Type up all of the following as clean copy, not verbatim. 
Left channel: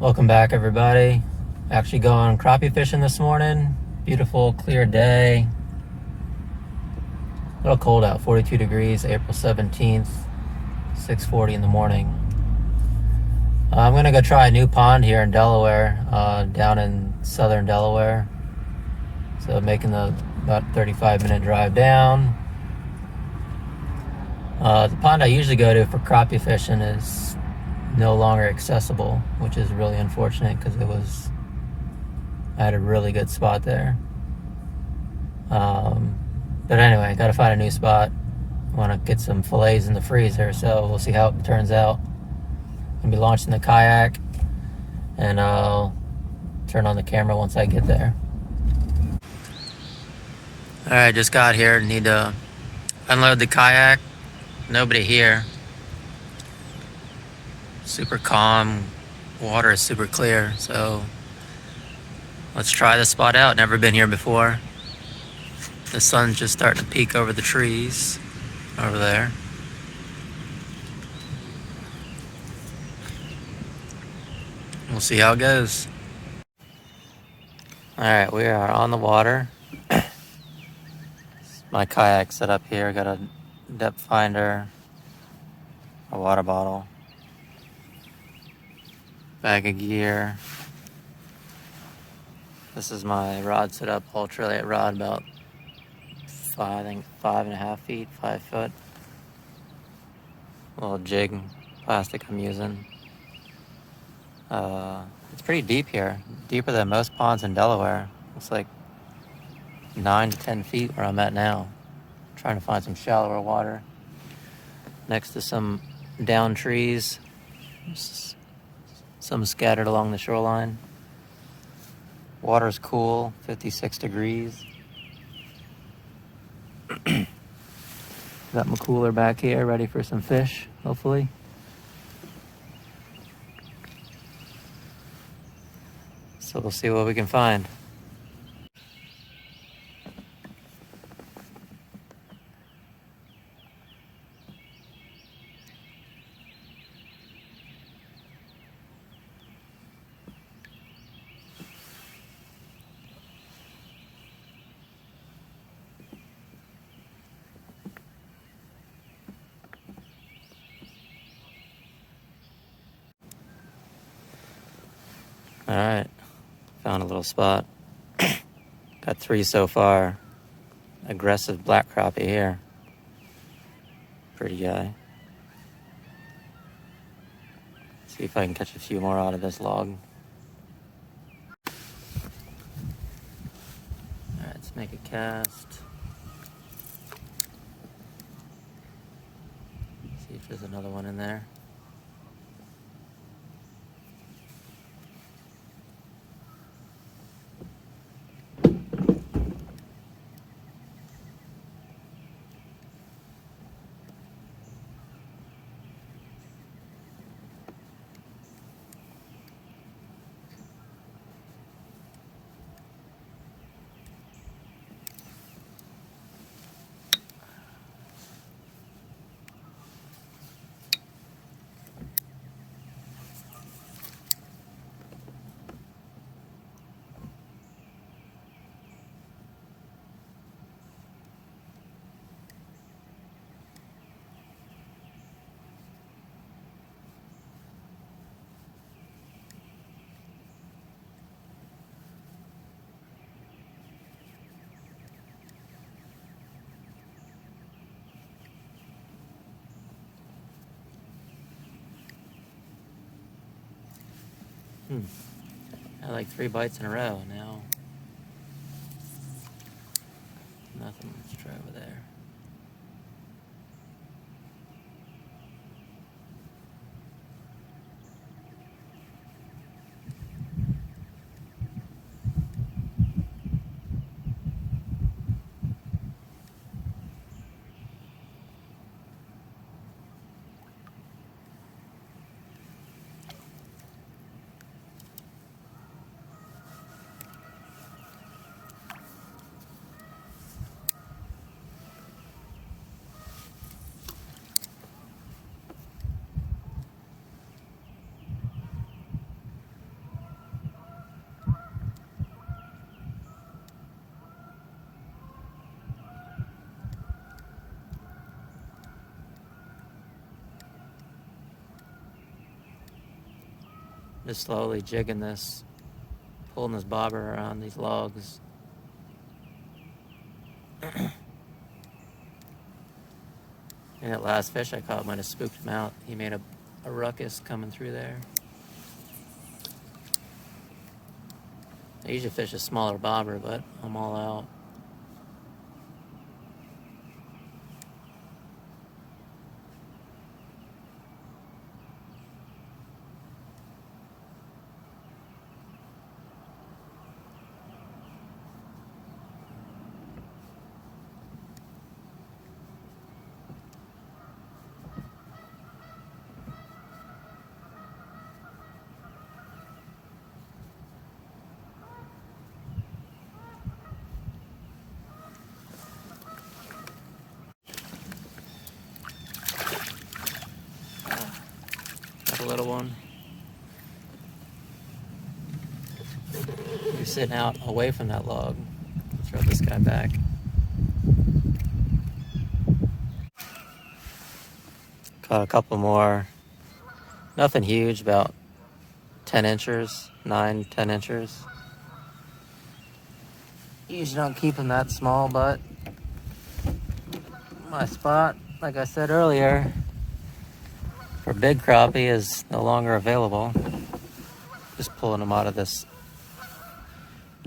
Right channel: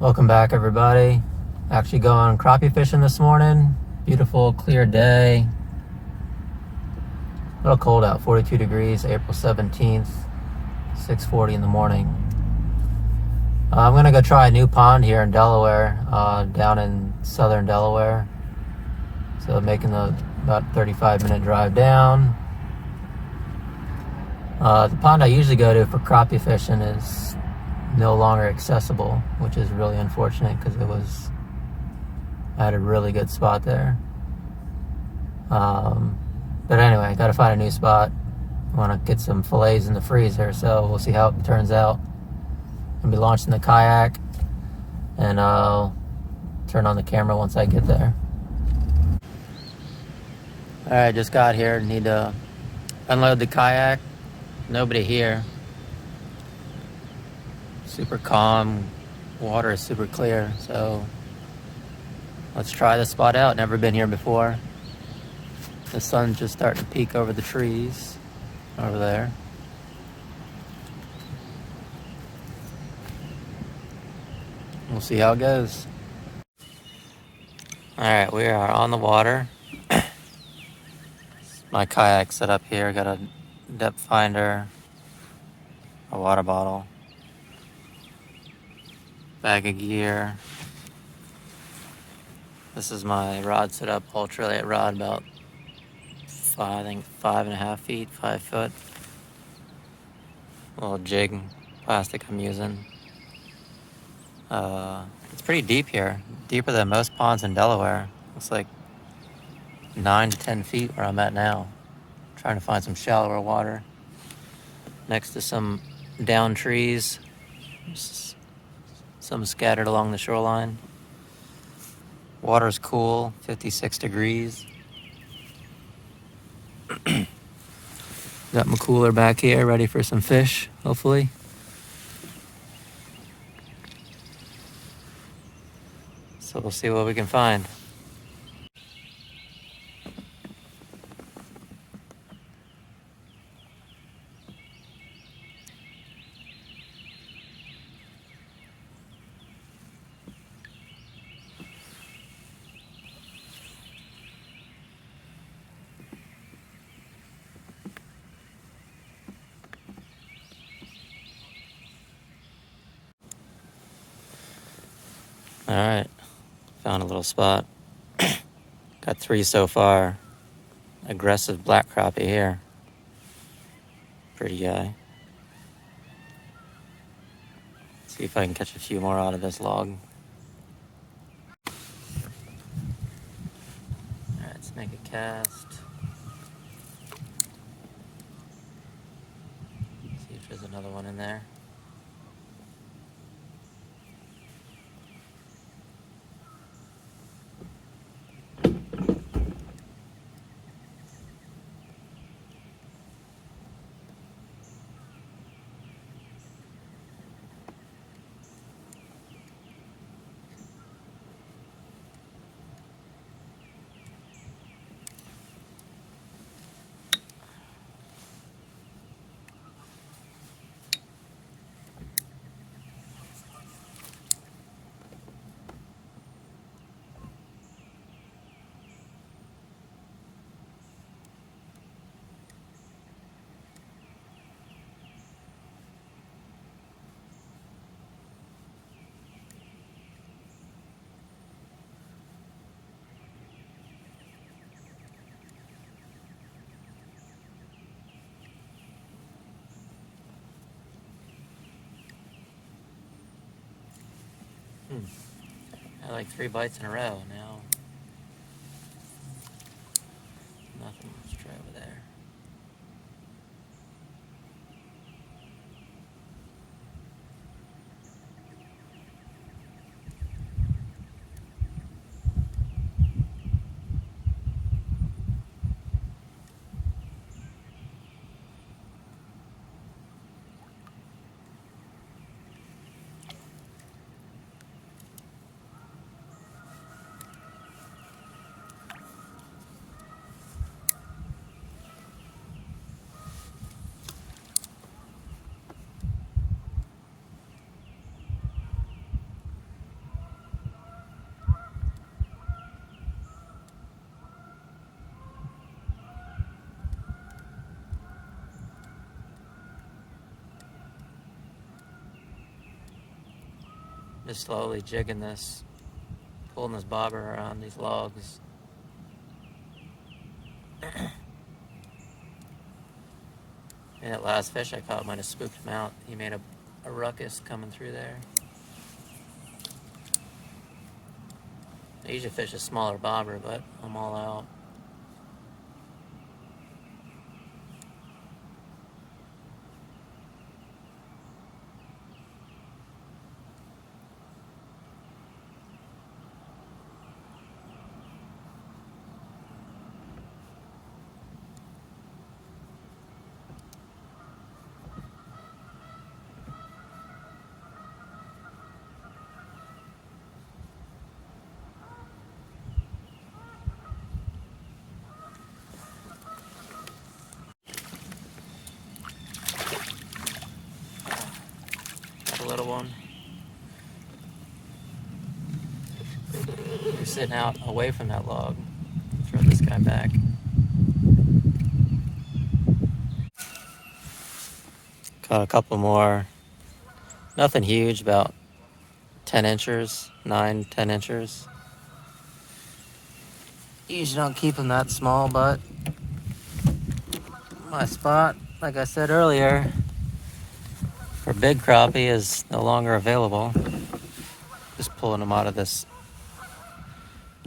Welcome back, everybody. Actually going crappie fishing this morning. Beautiful, clear day. A little cold out, 42 degrees, April 17th, 6:40 in the morning. I'm gonna go try a new pond here in Delaware, down in southern Delaware. So making the about 35-minute drive down. The pond I usually go to for crappie fishing is no longer accessible, which is really unfortunate because I had a really good spot there. But anyway, got to find a new spot. I want to get some fillets in the freezer, so we'll see how it turns out. I'm gonna be launching the kayak, and I'll turn on the camera once I get there. All right, just got here. Need to unload the kayak. Nobody here. Super calm. Water is super clear, so let's try this spot out. Never been here before. The sun's just starting to peek over the trees over there. We'll see how it goes. All right, we are on the water. My kayak set up here. Got a depth finder, a water bottle, bag of gear. This is my rod set up, ultralight rod, about 5.5 feet, 5 foot. Little jig plastic I'm using. It's pretty deep here, deeper than most ponds in Delaware. Looks like 9 to 10 feet where I'm at now. Trying to find some shallower water next to some down trees, some scattered along the shoreline. Water's cool, 56 degrees. Got my cooler back here, ready for some fish, hopefully. So we'll see what we can find. All right, found a little spot. Got 3 so far. Aggressive black crappie here. Pretty guy. See if I can catch a few more out of this log. All right, let's make a cast. See if there's another one in there. I like 3 bites in a row now. Nothing. Let's try over there. Just slowly jigging this, pulling this bobber around these logs. And that last fish I caught might have spooked him out. He made a ruckus coming through there. I usually fish a smaller bobber, but I'm all out. Got a little one. You're sitting out away from that log. Throw this guy back. Caught a couple more. Nothing huge, about 10 inches, 9, 10 inches. Usually don't keep them that small, but my spot, like I said earlier, for big crappie is no longer available. Just pulling them out of this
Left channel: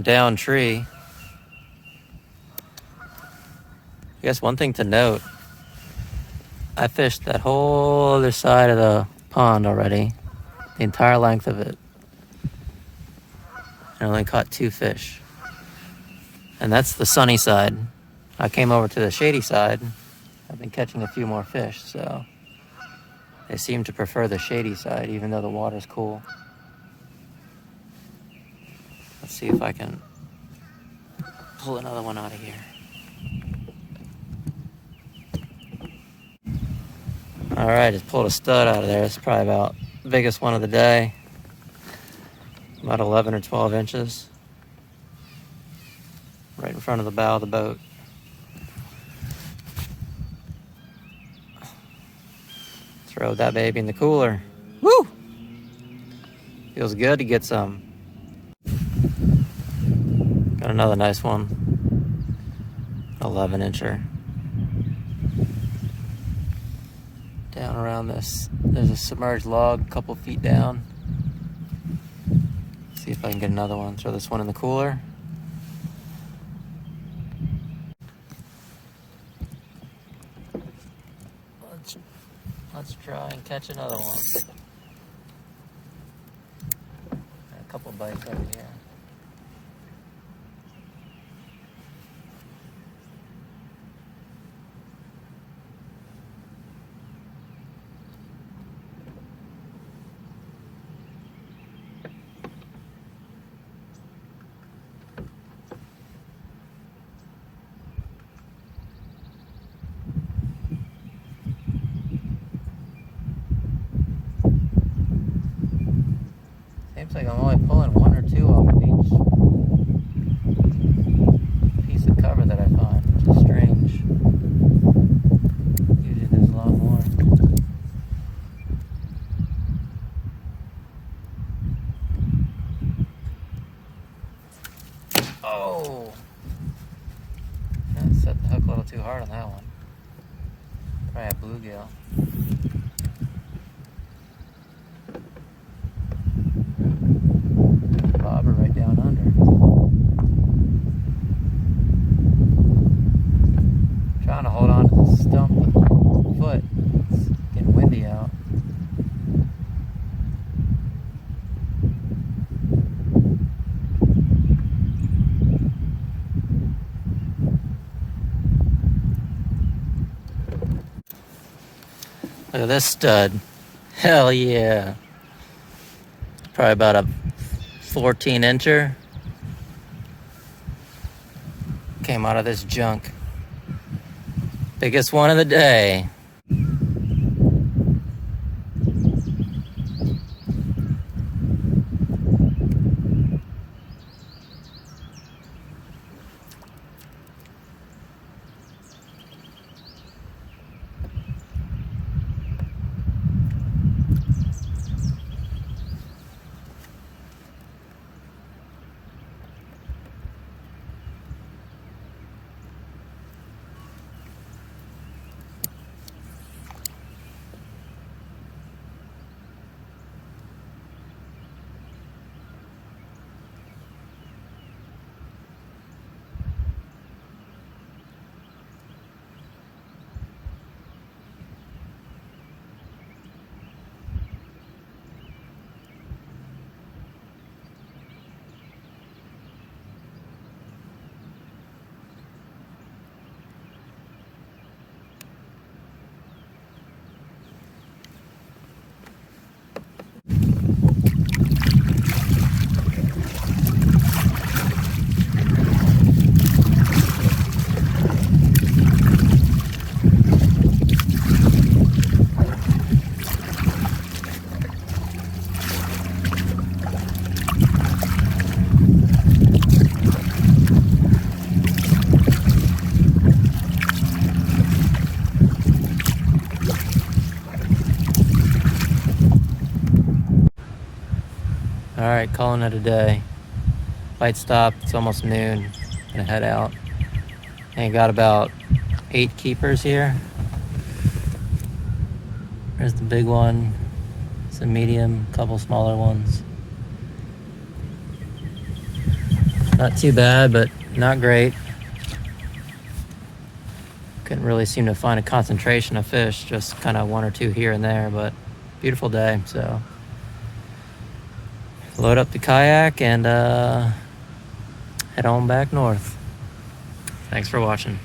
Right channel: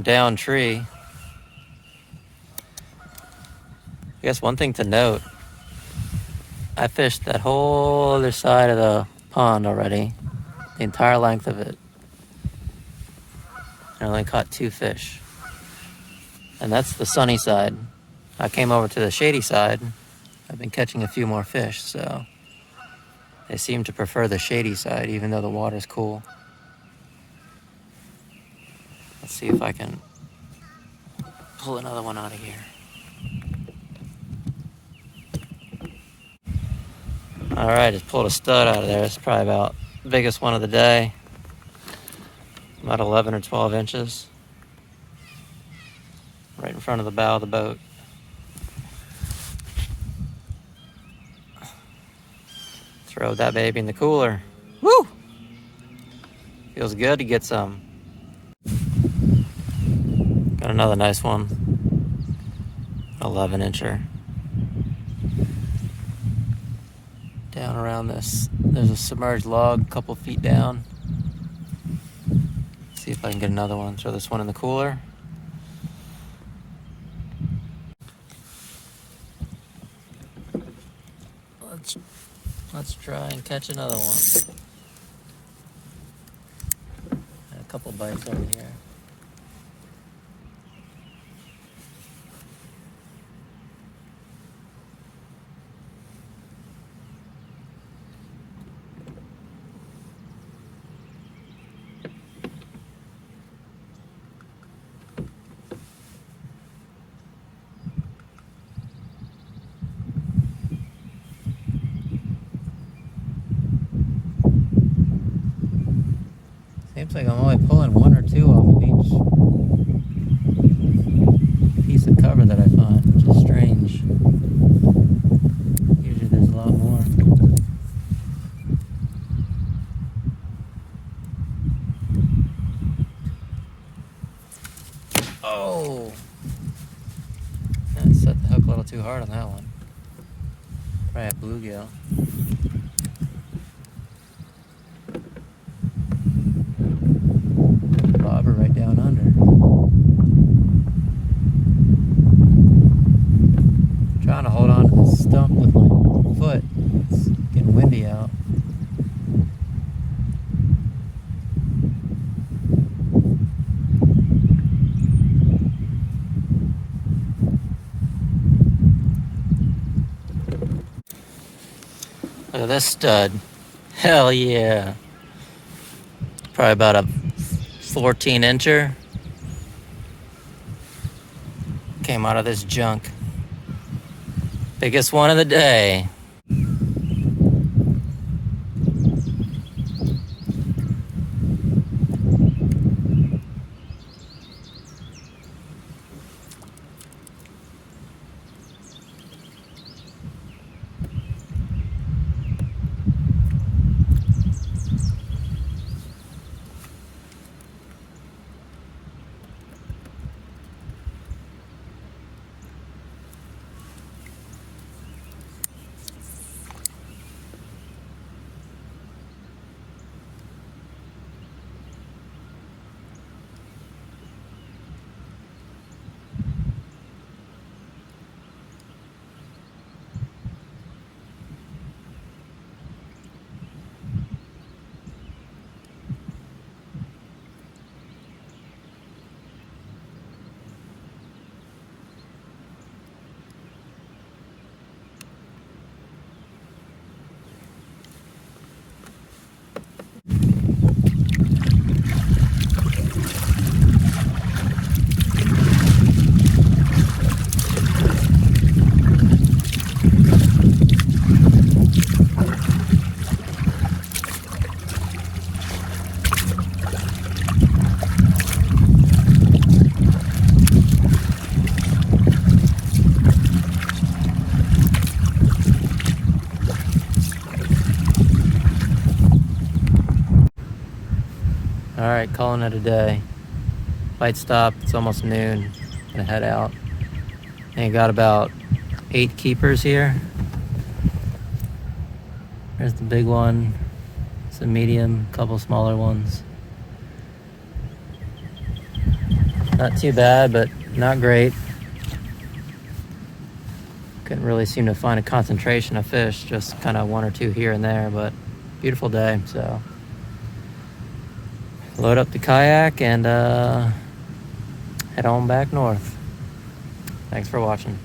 down tree. I guess one thing to note, I fished that whole other side of the pond already, the entire length of it. I only caught 2 fish. And that's the sunny side. I came over to the shady side. I've been catching a few more fish, so they seem to prefer the shady side, even though the water's cool. Let's see if I can pull another one out of here. All right, just pulled a stud out of there. It's probably about the biggest one of the day. About 11 or 12 inches. Right in front of the bow of the boat. Throw that baby in the cooler. Woo! Feels good to get some. Got another nice one. 11 incher. Down around this, there's a submerged log a couple feet down. See if I can get another one. Throw this one in the cooler. Let's try and catch another one. A couple bites over here. Seems like I'm only pulling 1 or 2 off of each piece of cover that I find, which is strange. Usually there's a lot more. Oh! I set the hook a little too hard on that one. Probably a bluegill. Bobber right down under. I'm trying to hold on to the stump with my foot. It's getting windy out. Look at this stud. Hell yeah. Probably about a 14 incher. Came out of this junk. Biggest one of the day. All right, calling it a day. Light stop, it's almost noon. Gonna head out. And got about 8 keepers here. There's the big one. It's a medium, a couple smaller ones. Not too bad, but not great. Couldn't really seem to find a concentration of fish, just kind of 1 or 2 here and there, but beautiful day, so. Load up the kayak and head on back north. Thanks for watching.